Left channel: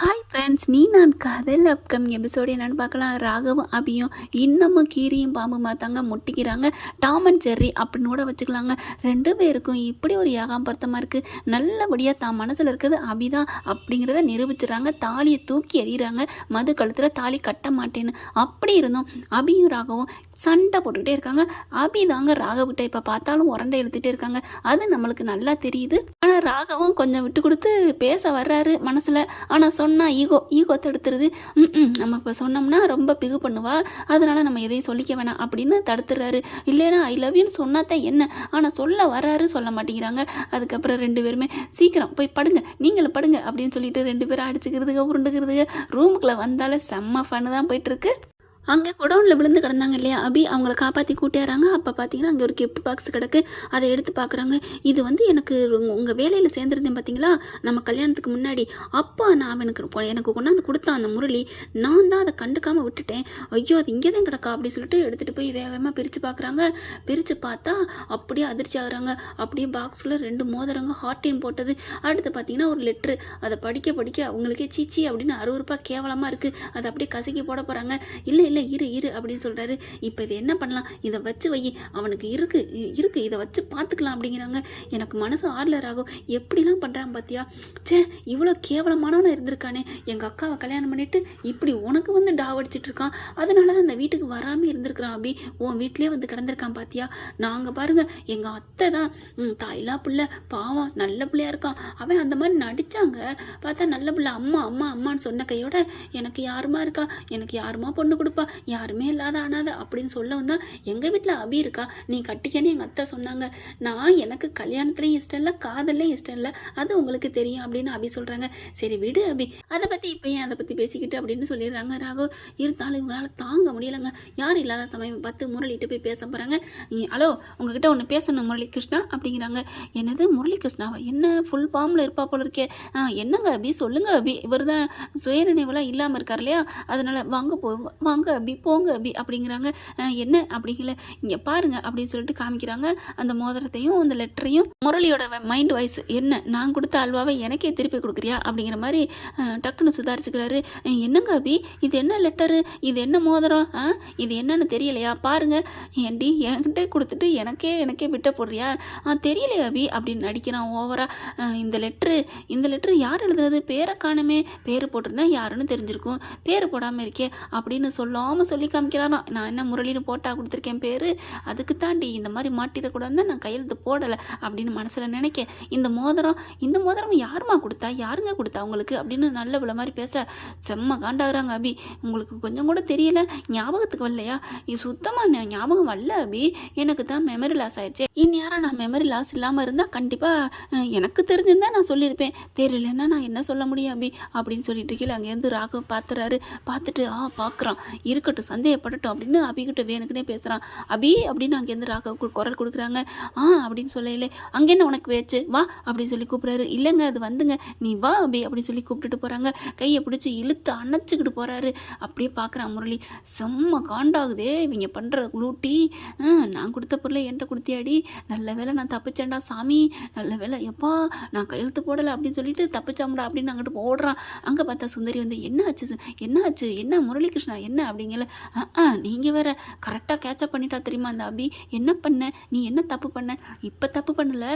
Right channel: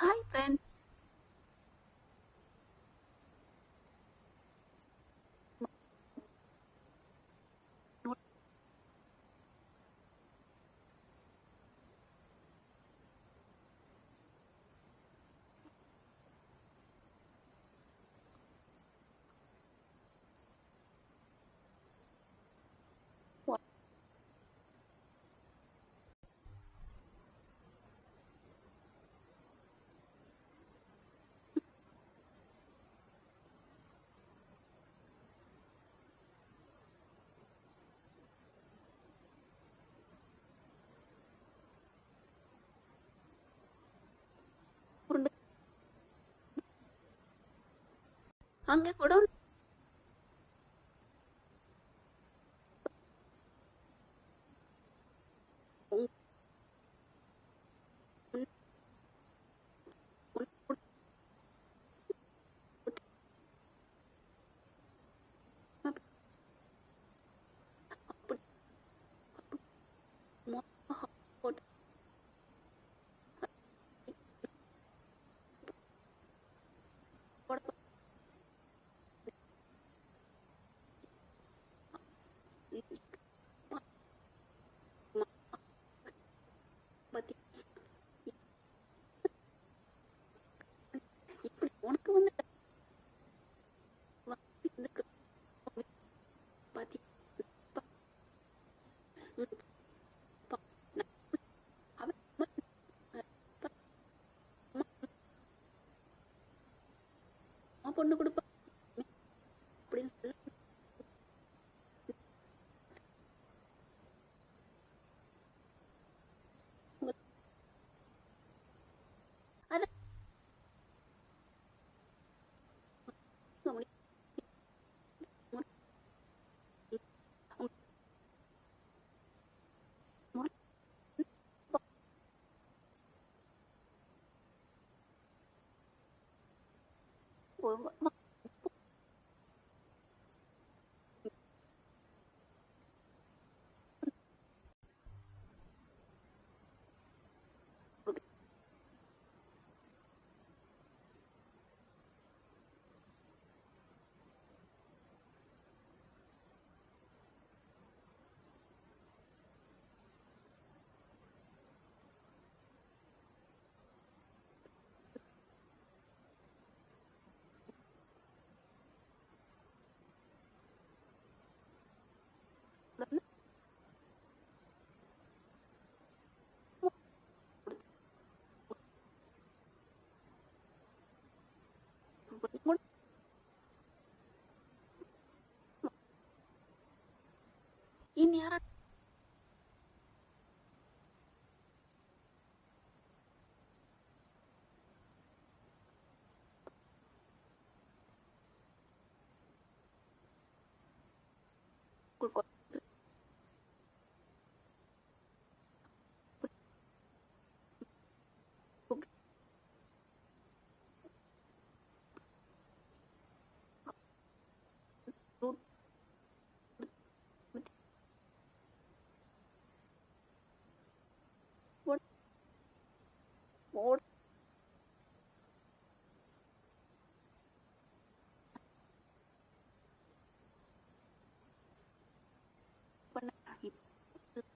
Hi friends நீ நான் கதையில் அப்கமிங் எபிசோடு என்னென்னு பார்க்கலாம். ராகவும் அபியும் இன்னமும் கீரியும் பாம்பு மாத்தாங்க முட்டிக்கிறாங்க. டாம் அண்ட் ஜெர்ரி அப்படின்னு கூட வச்சுக்கலாங்க. ரெண்டு பேருக்கும் இப்படி ஒரு ஏகாம்பரத்தமாக இருக்குது நல்லபடியாக தான் மனசில் இருக்கிறது அபிதான் அப்படிங்கிறத நிரூபிச்சிடுறாங்க. தாலியை தூக்கி எறிகிறாங்க. மது கழுத்தில் தாலி கட்ட மாட்டேன்னு. அப்படி இருந்தும் அபியும் ராகவும் சண்டை போட்டுக்கிட்டே இருக்காங்க. அபி தாங்க ராகவிட்ட இப்போ பார்த்தாலும் உரண்டை எழுத்துட்டே இருக்காங்க. அது நம்மளுக்கு நல்லா தெரியுது. ஆனால் ராகவும் கொஞ்சம் விட்டு கொடுத்து பேச வர்றாரு மனசில். ஆனால் சொன்னால் ஈகோ ஈகோ தடுத்துருது. ம் நம்ம இப்போ சொன்னோம்னா ரொம்ப பிகு பண்ணுவா. அதனால் நம்ம எதையும் சொல்லிக்க வேணாம் அப்படின்னு தடுத்துறாரு. இல்லைன்னா ஐ லவ் யூன்னு சொன்னாதான் என்ன? ஆனால் சொல்ல வர்றாரு சொல்ல மாட்டேங்கிறாங்க. அதுக்கப்புறம் ரெண்டு பேருமே சீக்கிரம் போய் படுங்க நீங்களும் படுங்க அப்படின்னு சொல்லிட்டு ரெண்டு பேரும் அடிச்சுக்கிறதுங்க உருண்டுக்கிறதுங்க ரூமுக்குள்ளே வந்தாலே செம்ம ஃபன்னு தான் போயிட்டுருக்கு அங்கே குடவுனில் விழுந்து கிடந்தாங்க இல்லையா? அபி அவங்கள காப்பாற்றி கூட்டியாராங்க அப்போ பார்த்தீங்கன்னா அங்கே ஒரு கிஃப்ட் பாக்ஸ் கிடக்கு. அதை எடுத்து பார்க்குறாங்க இது வந்து எனக்கு உங்கள் வேலையில் சேர்ந்துருந்தேன் பார்த்தீங்களா நம்ம கல்யாணத்துக்கு முன்னாடி. அப்போ நான் எனக்கு எனக்கு கொண்டாந்து கொடுத்தான் அந்த முரளி. நான் தான் அதை கண்டுக்காமல் விட்டுட்டேன். ஐயோ அது இங்கே தான் கிடக்கா? அப்படின்னு சொல்லிட்டு எடுத்துகிட்டு போய் வேகமாக பிரித்து பார்க்குறாங்க பிரித்து பார்த்தா அப்படியே அதிர்ச்சி ஆகுறாங்க. அப்படியே பாக்ஸில் ரெண்டு மோதிரங்க ஹார்டின் போட்டது. அடுத்து பார்த்தீங்கன்னா ஒரு லெட்ரு அதை படிக்க படிக்க அவங்களுக்கே சீச்சி அப்படின்னு அறுவறுப்பாக கேவலமாக இருக்குது அதை அப்படியே கசக்கி போட போகிறாங்க இல்லை இல்லை இரு இரு அப்படின்னு சொல்கிறாரு இப்போ இது என்ன பண்ணலாம்? இதை வச்சு வை. அவனுக்கு இருக்கு இருக்கு. இதை வச்சு பார்த்துக்கலாம் அப்படிங்கிறாங்க. எனக்கு மனசு ஆர்லர் ஆகும் எப்படிலாம் பண்ணுறான் பார்த்தியா ச்சே இவ்வளோ கேவலமானவனாக இருந்திருக்கானே. எங்கள் அக்காவை கல்யாணம் பண்ணிட்டு இப்படி உனக்கு வந்து டாவடிச்சிட்டு இருக்கான். அதனால தான் இந்த வீட்டுக்கு வராமல் இருந்திருக்கிறான் அபி. உன் வீட்லேயே வந்து கிடந்திருக்கான் பார்த்தியா நாங்கள் பாருங்கள் எங்கள் அத்தை தான். ம், தாயிலா பிள்ளை பாவம் நல்ல பிள்ளையா இருக்கான். அவன் அந்த மாதிரி நடித்தாங்க பார்த்தா நல்ல பிள்ளை அம்மா அம்மா அம்மான்னு சொன்ன கையோட எனக்கு யாருமா இருக்கா? எனக்கு யாருமா பொண்ணு கொடுப்பா? யாருமே இல்லாத அனாதை அப்படின்னு சொல்லவும் தான் எங்கள் வீட்டில் அபி இருக்கா? நீ கட்டிக்கன்னு எங்கள் அத்தை சொன்னாங்க. நான் எனக்கு கல்யாணத்துலேயும் இஷ்டம் இல்லை காதல்லையும் இஷ்டம் இல்லை. அது உங்களுக்கு தெரியும் அப்படின்னு அபி சொல்கிறாங்க சரி விடு அபி. அதை பற்றி இப்போ ஏன் அதை பற்றி பேசிக்கிட்டு அப்படின்னு சொல்லிடுறாங்க ராகோ இருந்தாலும் இவங்களால தாங்க முடியலைங்க. யாரும் இல்லாத சமயம் பார்த்து முரளிட்டு போய் பேச போகிறாங்க ஹலோ உங்ககிட்ட ஒன்று பேசணும் முரளி கிருஷ்ணா அப்படிங்கிறாங்க. என்னது முரளி கிருஷ்ணாவா என்ன ஃபுல் ஃபார்மில் இருப்பா போல இருக்கே. ஆ என்னங்க அபி? சொல்லுங்க அபி. இவர் தான் சுயநினைவுலாம் இல்லாமல் இருக்கார் இல்லையா? அதனால வாங்க போ வாங்க. அபி போங்க அபி அப்படிங்கிறாங்க. என்ன அப்படிங்கல. இங்கே பாருங்க அப்படின்னு சொல்லிட்டு காமிக்கிறாங்க. அந்த மோதிரத்தையும் அந்த லெட்டரையும். முரளியோட மைண்ட் வாய்ஸ் என்ன? நான் கொடுத்த அல்வாவை எனக்கே திருப்பி கொடுக்குறியா? அப்படிங்கிற மாதிரி டக்குன்னு சுதாரிச்சுக்கிறாரு. என்னங்க அபி? இது என்ன லெட்டரு? இது என்ன மோதிரம்? ஆ இது என்னன்னு தெரியலையா? பாருங்க. ஏண்டி என்கிட்ட கொடுத்துட்டு எனக்கே எனக்கே விட்ட போடுறியா? ஆ தெரியலையா அபி அப்படின்னு நடிக்கிறான் ஓவரா. இந்த லெட்ரு இந்த லெட்ரு யார் எழுதுனது? பேரை காணுமே. பேர் போட்டிருந்தா யாருன்னு தெரிஞ்சிருக்கும். பேர் போடாமல் இருக்கே அப்படின்னு சொல்லாமல் சொல்லி காமிக்கிறாராம் நான் என்ன முரளின்னு போட்டால் கொடுத்துருக்கேன் பேர்? அதுக்கு தாண்டி இந்த மாதிரி மாட்டிடக்கூடாதுன்னு நான் கையெழுத்து போடலை அப்படின்னு மனசில் நினைக்க. இந்த மோதிரம் இந்த மோதிரம் யாரும்மா கொடுத்தா? யாருங்க கொடுத்தா உங்களுக்கு? அப்படின்னு நல்ல விழ மாதிரி பேச செம்ம காண்டாகிறாங்க அபி. உங்களுக்கு கொஞ்சம் கூட தெரியல? ஞாபகத்துக்கு வரலையா? இது சுத்தமாக ஞாபகம் வரல அபி. எனக்கு தான் மெமரி லாஸ் ஆயிடுச்சு. இந்நேரம் நான் மெமரி லாஸ் இல்லாமல் இருந்தால் கண்டிப்பாக எனக்கு தெரிஞ்சிருந்தா நான் சொல்லியிருப்பேன். தெரியலன்னா நான் என்ன சொல்ல முடியும் அபி? அப்படின்னு சொல்லிட்டு கீழே அங்கேருந்து ராகவ் பார்த்துறாரு பார்த்துட்டு ஆ பார்க்குறான் இருக்கட்டும் சந்தேகப்படட்டும் அப்படின்னு அபிகிட்ட வேணுக்குனே பேசுகிறான் அபி அப்படின்னு அங்கேருந்து ராகவ் கு- குரல் கொடுக்குறாங்க. ஆ அப்படின்னு சொல்லல அங்கே என்ன உனக்கு வேச்சு வா அப்படின்னு சொல்லி கூப்பிட்றாரு. இல்லைங்க அது வந்துங்க. நீ வா அபி அப்படின்னு சொல்லி கூப்பிட்டுட்டு போகிறாங்க கையை பிடிச்சி இழுத்து அணைச்சிக்கிட்டு போகிறாரு அப்படியே பார்க்குறான் முரளி. செம்ம காண்டாகுதே இவங்க பண்ணுற குளூட்டி ஆ, நான் கொடுத்த பொருளை என்கிட்ட கொடுத்தியாடி. நல்ல வேலை நான் தப்பிச்சேன்டா சாமி. நல்ல வேளை எப்பா நான் கையெழுத்து போடலை அப்படின்னு சொல்லிட்டு தப்பிச்சாமடா அப்படின்னு அங்கிட்டு ஓடுறான். அங்கே பார்த்தா சுந்தரி வந்து என்ன ஆச்சு என்ன ஆச்சு என்ன முரளிகிருஷ்ணா? என்ன? அப்படிங்கல. ஆ நீங்கள் வேற கரெக்டாக கேட்சப் பண்ணிட்டா தெரியுமா அந்த அபி? என்ன பண்ண? நீ என்ன தப்பு பண்ண? இப்போ தப்பு பண்ணல.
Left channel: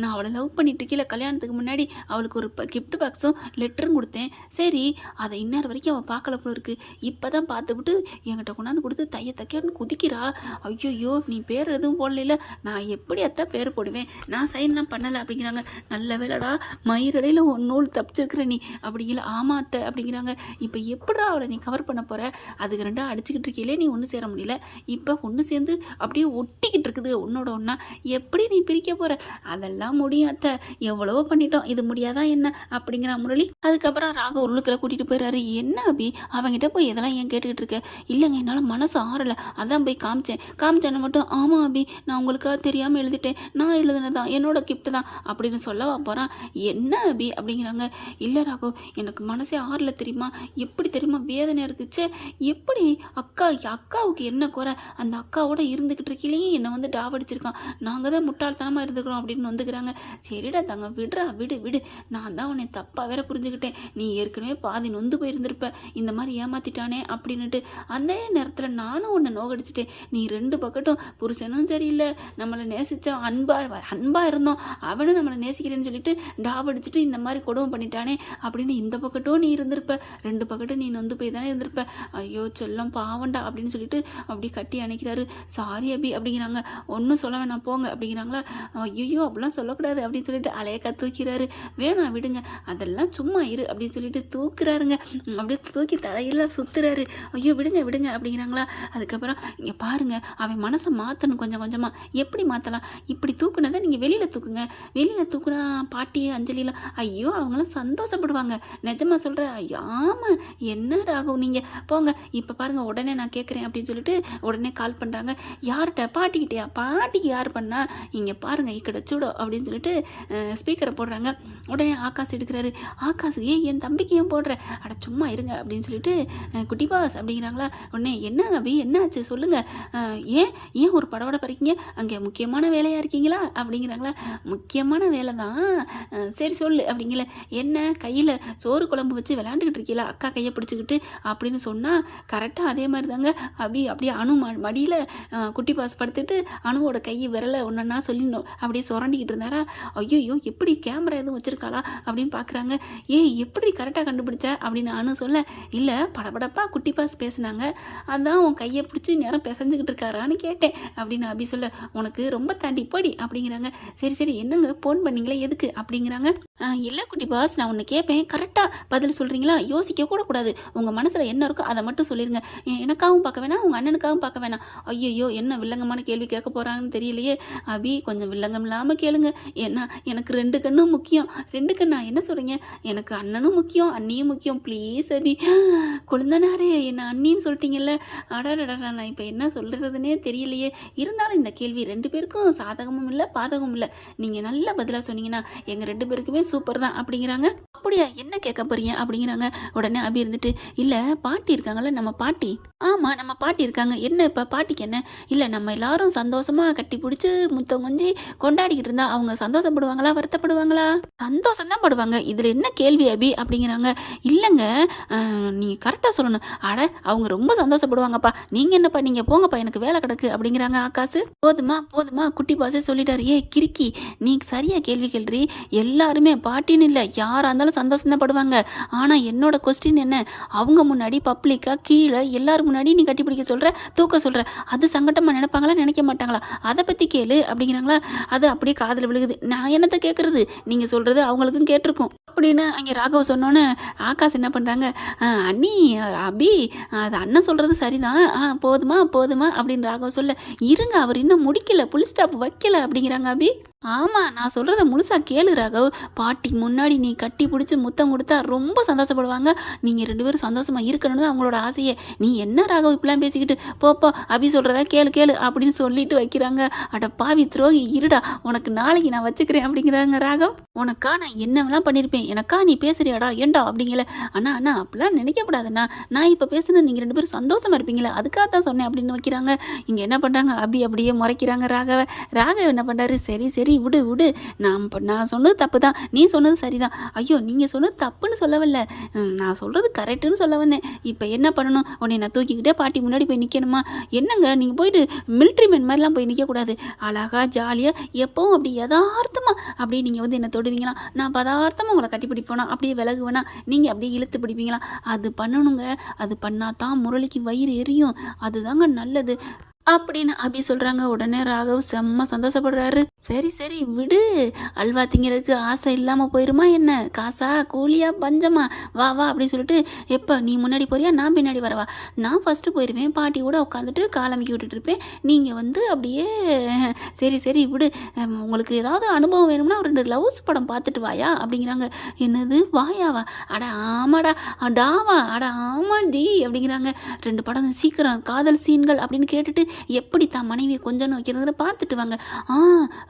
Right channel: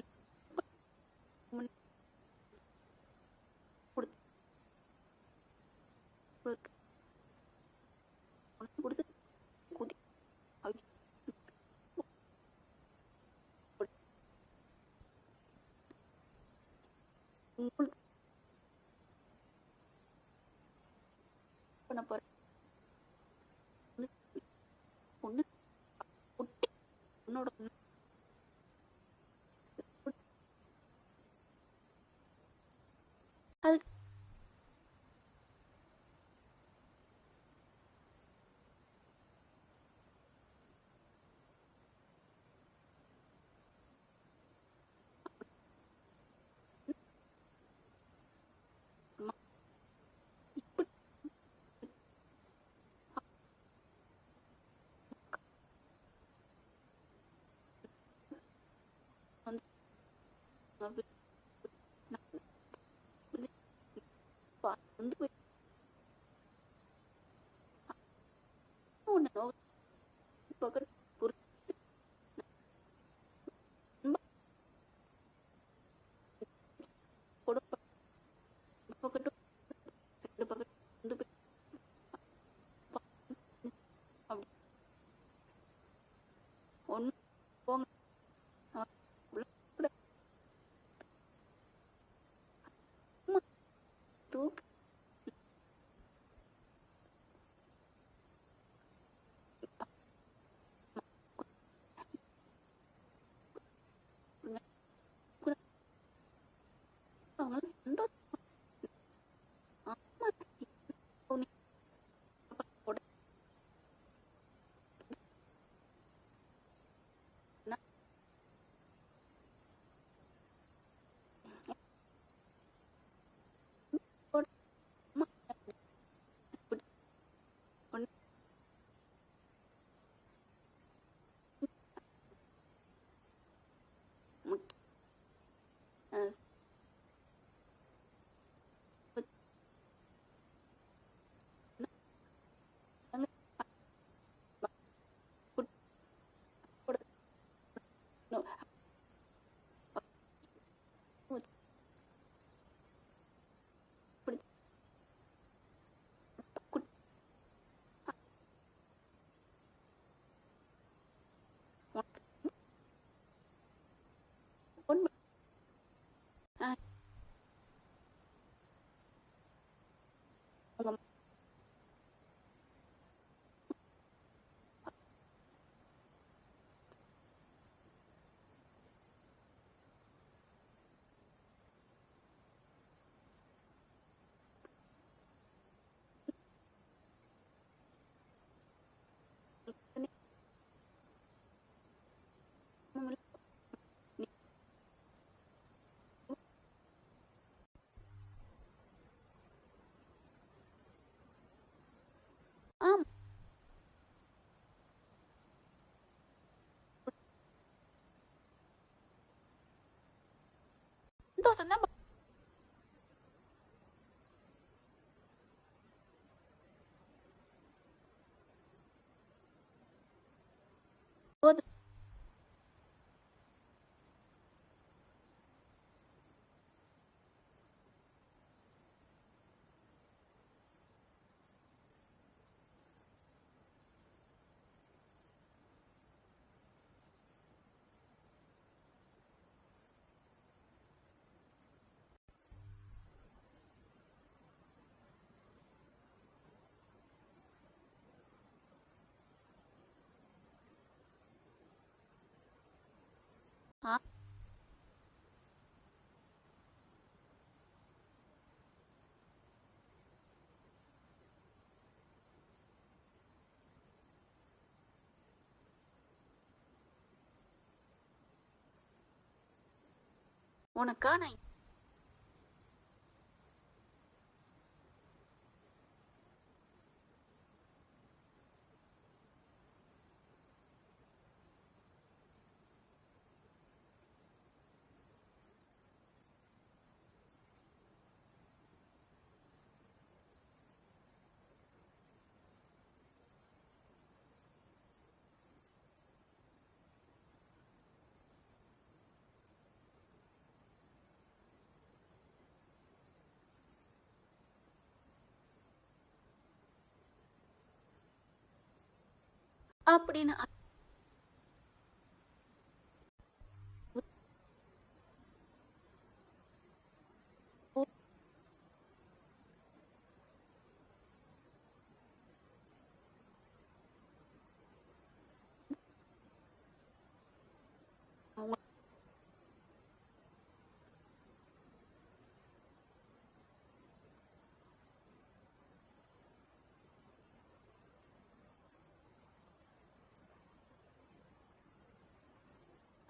நான் அவளை லவ் பண்ணிட்டு கீழே கல்யாணத்துக்கு முன்னாடி அவளுக்கு ஒரு கிஃப்ட் பாக்ஸும் லெட்டரும் கொடுத்தேன். சரி அதை இந்நேரம் வரைக்கும் அவள் பார்க்கல போல இருக்கு. இப்போ தான் பார்த்துவிட்டு என்கிட்ட கொண்டாந்து கொடுத்து தைய தைக்கன்னு குதிக்கிறா. ஐயோ நீ பேர் எதுவும் போடல நான் எப்படி அத்தா பேர் போடுவேன்? நான் சைன்லாம் பண்ணலை அப்படிங்கிறாங்க. நல்ல வேலைடா மயிரடையில் ஒன் நூல் தப்பிச்சிருக்கிற நீ. அப்படிங்கல. ஆமா அத்தை அப்படிங்கிறாங்க. இப்போ எப்படா அவளை நீ கவர் பண்ண போகிற அதுக்கு ரெண்டா அடிச்சுக்கிட்டு இருக்கையிலே நீ ஒன்று சேர முடியல. இப்போ ஒன்று சேர்ந்து அப்படியே ஒட்டிக்கிட்டு இருக்குது உன்னோட ஒன்றா எப்படி நீ பிரிக்க போகிற அதெல்லாம் முடியாத எவ்வளவோ பண்ணிட்டோம். இது முடியாதா என்ன? அப்படிங்கிற முரளி அதுக்கப்புறம் ராக உள்ளுக்குள்ள கூட்டிகிட்டு போயிடுறாரு என்ன அபி? அவங்ககிட்ட போய் இதெல்லாம் ஏன் கேட்டுக்கிட்டு இருக்க? இல்லைங்க என்னால் மனசு ஆறலை. அதான் போய் காமிச்சேன். காமிச்சேன்னு மட்டும் ஆமாம் அபி நான் உங்களுக்காக தெரியாமல் எழுதிட்டேன். நான் எழுதுனதான் என்னோட கிஃப்ட் தான். அப்படின்னு சொல்லவா போகிறான் என்ன அபி? அப்படிங்கிறாங்க. இல்லை ராகோ எனக்கு மனசே ஆறல தெரியுமா? எப்படி தெரியுமா? வேதனை இருக்குச்சே. எப்படி ஏய் அக்கா அக்காவுக்கு என்ன குறை? அந்த அக்காவோட இருந்துக்கிட்டு இருக்கீங்களே என்னை வந்து டாவடிச்சிருக்கான். நாங்கள் தான் முட்டாள்தனமாக இருந்துக்கிறோம் அப்படின்னு வந்துக்கிறாங்க. சரிடா தங்க விடுறா விடு விடு. நான் தான் உன்னை தப்பாக வேற புரிஞ்சுக்கிட்டேன். நீ ஏற்கனவே பாதி நொந்து போயிருந்திருப்ப. இந்த மாதிரி ஏமாத்திட்டானே அப்படின்னுட்டு அந்த நேரத்தில் நானும் உன்னை நோகடிச்சிட்டேன். நீ ரெண்டு பக்கட்டும் புருஷனும் சரியில்லை. நம்மளை நேசித்த அன்பாக அன்பாக இருந்தோம். அவனும் நம்மளை நேசிக்கிறேன்னு சொல்லிட்டு டாவடிச்சிட்டு இந்த மாதிரி கொடுமை பண்ணிட்டானே அப்படின்னு இந்த பக்கட்டும் நீ இருந்திருப்ப. ரெண்டு பக்கட்டும் நீ நொந்து போய் தானே இருந்திருப்ப. ஐயோ செல்லம் பாவண்டா அப்படின்னு சொல்லிட்டு அப்படி கட்டி அணைக்கிறாரு. சாரி அபி அப்படிங்கிறாங்க. ஒன்றும் சொல்ல வேணாம் போங்க அப்படிங்கிறாங்களா. ஐயோ அப்படிலாம் சொல்லக்கூடாது அப்படின்னு சொல்லிட்டு அலையக்கா தூக்கிறாரு. வேணாம் விடுங்க. அதெல்லாம் சும்மா இரு அப்படின்னு சொல்லிட்டு தூக்குறாருங்க. அப்படியே தூக்கி தலையெல்லாம் சுத்துறாரு. ஐயோ விடுங்க விடுங்க அப்படிங்கிறாங்களா. அதுக்கப்புறம் இங்கே பாருங்க அவன் மனசை மாற்றணும் கொஞ்சம் கொஞ்சமாக எப்படி மாற்றலாம் இப்படி தூக்குனதை நீங்கள் வெளியில் தூக்குங்க. வெளியில் தூக்குனா பாட்டி அஞ்சலிலாம் ஐயோ அவங்களாம் சந்தோஷப்படுவாங்க. நிஜமா சொல்கிற ஐயோ ஆமாம் என்ன ராகும் நீங்கள் போங்க இப்போ பாருங்கள் உடனே நான் கேட்குறேன் அப்படின்னு சொல்லிட்டு உடனே கால் பண்ணுறாங்க யார்கிட்ட? பாட்டிக்கிட்டயா பாட்டிக்கு யார் பண்ணா? இங்கே பாருங்கள் இக்கட சூடோ அப்படின்னு சொல்லிட்டு ஸ்பீக்கரை போடுறாங்க. உடனே ஆகாஷ் எடுக்கிறாரு. ஆகாஷ் ஏன் என் தம்பிக்கு ஏன் போடுற? அட சும்மா இருங்க அப்படின்னு சொல்லிட்டு குட்டி பாஸ் அப்படிங்கிறாங்களா. உடனே என்ன அபி? என்னாச்சு? சொல்லுங்கள் ஏன்? ஏன் ஒரு படவட பறிக்கீங்க? அங்கே முக்கியமான வேலையாக இருக்கீங்களா? அப்படிங்கிறாங்களா. முக்கியமான வேலை தான். சரி சொல்லு அப்படிங்கல. என்ன? கையில் சோறு குழம்பு வச்சு விளாண்டுக்கிட்டு இருக்கீங்களா அக்கா கையை பிடிச்சிக்கிட்டு? அப்படின்னு சொன்னால் கரெக்டாக அதே மாதிரி தாங்க. அபி அப்படியே அணு ம மடியில் குட்டி பாஸ் படுத்துட்டு அணுவோட கை விரலை ஒன்றா சொல்லிடணும் அப்படியே சுரண்டிக்கிட்டு இருந்தாரா? ஐயோ எப்படி கேமரா எதுவும் வச்சுருக்காளா அப்படின்னு பார்க்குறாங்க ஏய் எப்படி கரெக்டாக கண்டுபிடிச்ச? அப்படின்னு அணு சொல்ல இல்லை படபடப்பா குட்டி பாஸ் பேசுனாங்க. அதான் உன் கையை பிடிச்சி நேரம் பிசைஞ்சுக்கிட்டு இருக்காரான்னு கேட்டேன் அப்படின்னு அபி சொல்ல உனக்கு ரொம்ப தாண்டி போடி அப்படிங்கிறாங்க. சரி சரி என்னங்க ஃபோன் பண்ணீங்களே? எதுக்கு? அப்படிங்கிறாங்க. இல்லை குட்டி பாஸ் நான் ஒன்று கேட்பேன் கரெக்டாக பதில் சொல்கிறீங்களா யோசிக்க கூட கூடாது. உங்கள் மனசில் என்ன இருக்கோ அதை மட்டும் சொல்லிடுங்க எ- எனக்காகவும் பார்க்க வேணாம் உங்கள் அண்ணனுக்காகவும் பார்க்க வேணாம். ஐயோ என்ன வில்லங்கமான கேள்வி கேட்க போகிறாங்கன்னு தெரியலையே. அபி கொஞ்சம் வில்லங்கம் இல்லாமல் கேளுங்க. ஏன்னா எனக்கு ரெண்டு கண்ணும் முக்கியம். ரெண்டு கண்ணா? என்ன சொல்கிறீங்க எனக்கு அண்ணனும் முக்கியம் அண்ணியும் முக்கியம். ப்ளீஸ் அபி. குழந்தனாரே என்ன அண்ணின்னு சொல்லிட்டீங்கல்ல. அடாடடா நான் இப்போ என்ன சொல்கிறதுனே தெரியலையே இருந்தாலும் இந்த கேள்வி ரெண்டு பேருக்கும் சாதகமும் இல்லை பாதகமும் இல்லை நீங்கள் நல்ல பதிலாக சொன்னீங்கன்னா எங்கள் ரெண்டு பேருக்குமே சூப்பர் தான் அப்படிங்கிறாங்க அப்படியா என்ன கேட்க போறீங்க அப்படிங்கிறாங்க உடனே அபி இருந்துட்டு இல்லை பாட்டி இருக்காங்கல்ல நம்ம பாட்டி? ஆமாம் நம்ம பாட்டி இருக்காங்க. என்ன இப்போ பாட்டிக்கு என்ன? இல்லை நம்ம எல்லாரும் சந்தோஷமாக கட்டி பிடிச்சி முத்தம் கொஞ்சி கொண்டாடிக்கிட்டு இருந்தா அவங்க சந்தோஷப்படுவாங்களா வருத்தப்படுவாங்களா? சந்தோஷம் தான் படுவாங்க. இதில் என்ன கேள்வி அபி அப்படிங்கிறாங்க. இல்லைங்க நீங்கள் கரெக்டாக சொல்லணும். அட அவங்க ரொம்ப சந்தோஷப்படுவாங்கப்பா. நீங்கள் என்னப்பா நீங்கள் போங்கப்பா எனக்கு வேலை கிடக்கு அப்படிங்கிறாங்க ஆகாசு போதுமா போதுமா குட்டி பாசே சொல்லிட்டாரு. ஏ கிறுக்கி நீ சரியாக கேள்வி கேள்றி. எல்லாருமே பாட்டின்னு இல்லை. யாராக இருந்தாலும் சந்தோஷம் தான் படுவாங்க. ஆனால் என்னோட கொஸ்டின் என்ன? அவங்க முன்னாடி பப்ளிக்காக கீழே எல்லாரும் முன்னாடி நீ கட்டி பிடிக்க சொல்கிற தூக்க சொல்கிற அது சங்கட்டமாக நினைப்பாங்களா நினைக்க மாட்டாங்களா? அதை பற்றி கேளு அப்படிங்கிறாங்களா? அது அப்படியே காதில் விழுகுது. நான் என்னத்தை கேட்குறது நீங்கள் சொல்கிறது அவங்களுக்கும் கேட்டிருக்கும். அப்படின்னு அங்கே ராகவ் சொன்னோன்னே ஆகாஷ் என்ன பண்ணுறாங்க அண்ணி அபி அது அண்ணன் சொல்கிறது சரிதான். ஆ போதுமா போதுமா அப்படின்னு ராகவ் சொல்ல இருங்க அவர் இன்னும் முடிக்கல புல் ஸ்டாப் வைக்கல அப்படிங்கிறாங்க அபி. ஆமாம் நான் சொல்கிறத முழுசாக கேளு ராகவ். பாட்டிக்கு முன்னாடி நீ கட்டி பிடிச்சி முத்தம் கொடுத்தா ரொம்ப சந்தோஷப்படுவாங்க. நீங்கள் ரெண்டு பேரும் சந்தோஷமாக இருக்கணும்னு தான் அவங்களோட ஆசையே. நீ என்ன ராகவ் இப்படிலாம் பேசிக்கிட்டு போப்போ அபி சொல்கிறதா கேளு கேளு அப்படின்னு சொல்லிட்டு வைக்கிறாங்க. அட பாவி துரோகி இருடா உனக்கு நாளைக்கு நான் வச்சுக்கிறேன் அப்படிங்கிறாங்க ராகவ். உனக்கா நான் என்னவெல்லாம் பண்ணியிருப்பேன் எனக்கா நீ பேசுறியாடா? ஏண்டா அப்படிங்கல? அண்ணா அண்ணா அப்படிலாம் நினைக்கக்கூடாதுண்ணா. நான் இப்போ பேசுனது நீங்கள் ரெண்டு பேரும் சந்தோஷமா இருப்பீங்களே அதுக்காக தான் சொன்னேன் அப்படின்னு வைக்கிறாங்க. இங்கே என்ன பண்ணுறாங்க அபி அப்படியே முறைக்கிறாங்க ராகவ. ராகவ் என்ன பண்ணுறாரு சரி சரி விடு விடு. நான் நான் சொன்னது தப்பு தான் நீ சொன்னது சரிதான். ஐயோ நீங்கள் சொன்னது தப்புன்னு சொல்ல வரல நான் சொல்கிறது கரெக்டுன்னு சொல்ல வந்தேன். இப்போ என்ன பண்ணணும்? உன்னை நான் தூக்கிக்கிட்டே பாட்டி முன்னாடி போய் நிற்கணுமா என்னங்க நீங்கள் போயிட்டு மிலிட்ரி மேன் மாதிரிலாம் போய் நிற்கக்கூடாது அழகாக ஜாலியாக எப்போவும் அப்படி யதார்த்தமாக அப்படியே நீங்கள் வந்து என்னை தொடுவீங்களா நான் பதார்த்தமாக உங்களை கட்டி பிடிப்போனா? அப்படியே விலகுவேனா? நீங்கள் அப்படியே இழுத்து பிடிப்பீங்களா? அது பண்ணணுங்க. அது பண்ணால் தான் முரளிக்கு வயிறு எரியும். அதுதாங்க நல்லது. அப்படின்னு அபி சொல்கிறாங்க உடனே ராகவ் செம்ம சந்தோஷப்படுறாரு. சரி சரி விடு. அல்வா திங்கிறதுக்கு ஆசை இல்லாமல் போயிருமா என்ன? காசா கூலியா பஞ்சமா? வா வா அப்படின்னு சொல்லிட்டு எப்போ நீ முன்னாடி போறியா? நான் பின்னாடி வரவா? நான் ஃபஸ்ட்டு போயிடுவேன் பாட்டி கூட உட்காந்துட்டு காலமிக்கி விட்டுட்டு இருப்பேன். நீங்கள் வந்து அப்படியே சரி சரி விடு. உங்களுக்கு ஏதாவது அனுபவம் வேணும்னா ஒரு ரெண்டு லவ்ஸ் படம் பார்த்துட்டு வாயா? அப்படிங்கிறாங்க. என்னது? வாயாவா? அட ஆமாடா. அடாவா? அட ஆமாண்டி அப்படிங்கிறாங்க. ரெண்டு படம் சீக்கிரம் காதல் சீன்கள் அப்படின்னு கேட்டுட்டு எப்படி தான் மனைவியை கொஞ்சம் வைக்கிறதுல பார்த்துட்டு வாங்க. ஆ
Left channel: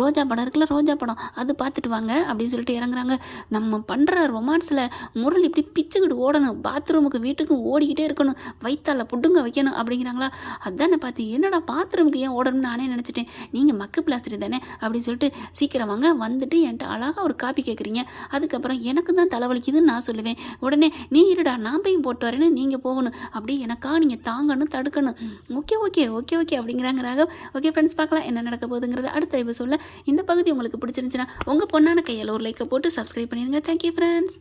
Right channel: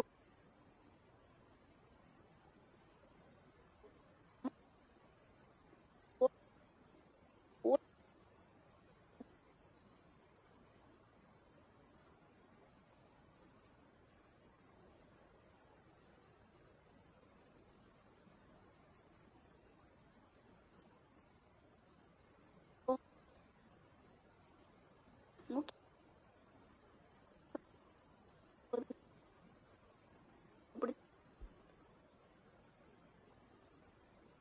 ரோஜா படம் இருக்குல்ல ரோஜா படம். அது பார்த்துட்டு வாங்க அப்படின்னு சொல்லிட்டு இறங்குறாங்க. நம்ம பண்ணுற ரொமான்ஸில் முரள் இப்படி பிச்சுக்கிட்டு ஓடணும். பாத்ரூமுக்கு வீட்டுக்கும் ஓடிக்கிட்டே இருக்கணும். வயித்தால புட்டுங்க வைக்கணும் அப்படிங்கிறாங்களா? அதானே பார்த்து என்னடா பாத்ரூமுக்கு ஏன் ஓடணும்னு நானே நினச்சிட்டேன். நீங்கள் மக்கு பிளாஸ்டரி தானே அப்படின்னு சொல்லிட்டு சீக்கிரம் வாங்க. வந்துட்டு என்கிட்ட அழகாக ஒரு காப்பி கேட்குறீங்க அதுக்கப்புறம் எனக்கு தான் தலைவலிக்குதுன்னு நான் சொல்லுவேன். உடனே நீ இருடா நான் போய் போட்டு வரேன்னு நீங்கள் போகணும். அப்படியே எனக்கா நீங்கள் தாங்கணும் தடுக்கணும். Okay okay okay. ஓகே அப்படிங்கிறாங்க ராகவ். ஓகே ஃப்ரெண்ட்ஸ் பார்க்கலாம் என்ன நடக்க போகுதுங்கிறது அடுத்த எபிசோடில் இந்த பகுதி உங்களுக்கு பிடிச்சிருந்துச்சுன்னா உங்கள் பொண்ணான கையில் ஒரு லைக்கை போட்டு சப்ஸ்கிரைப் பண்ணிடுங்க தேங்க்யூ ஃப்ரெண்ட்ஸ்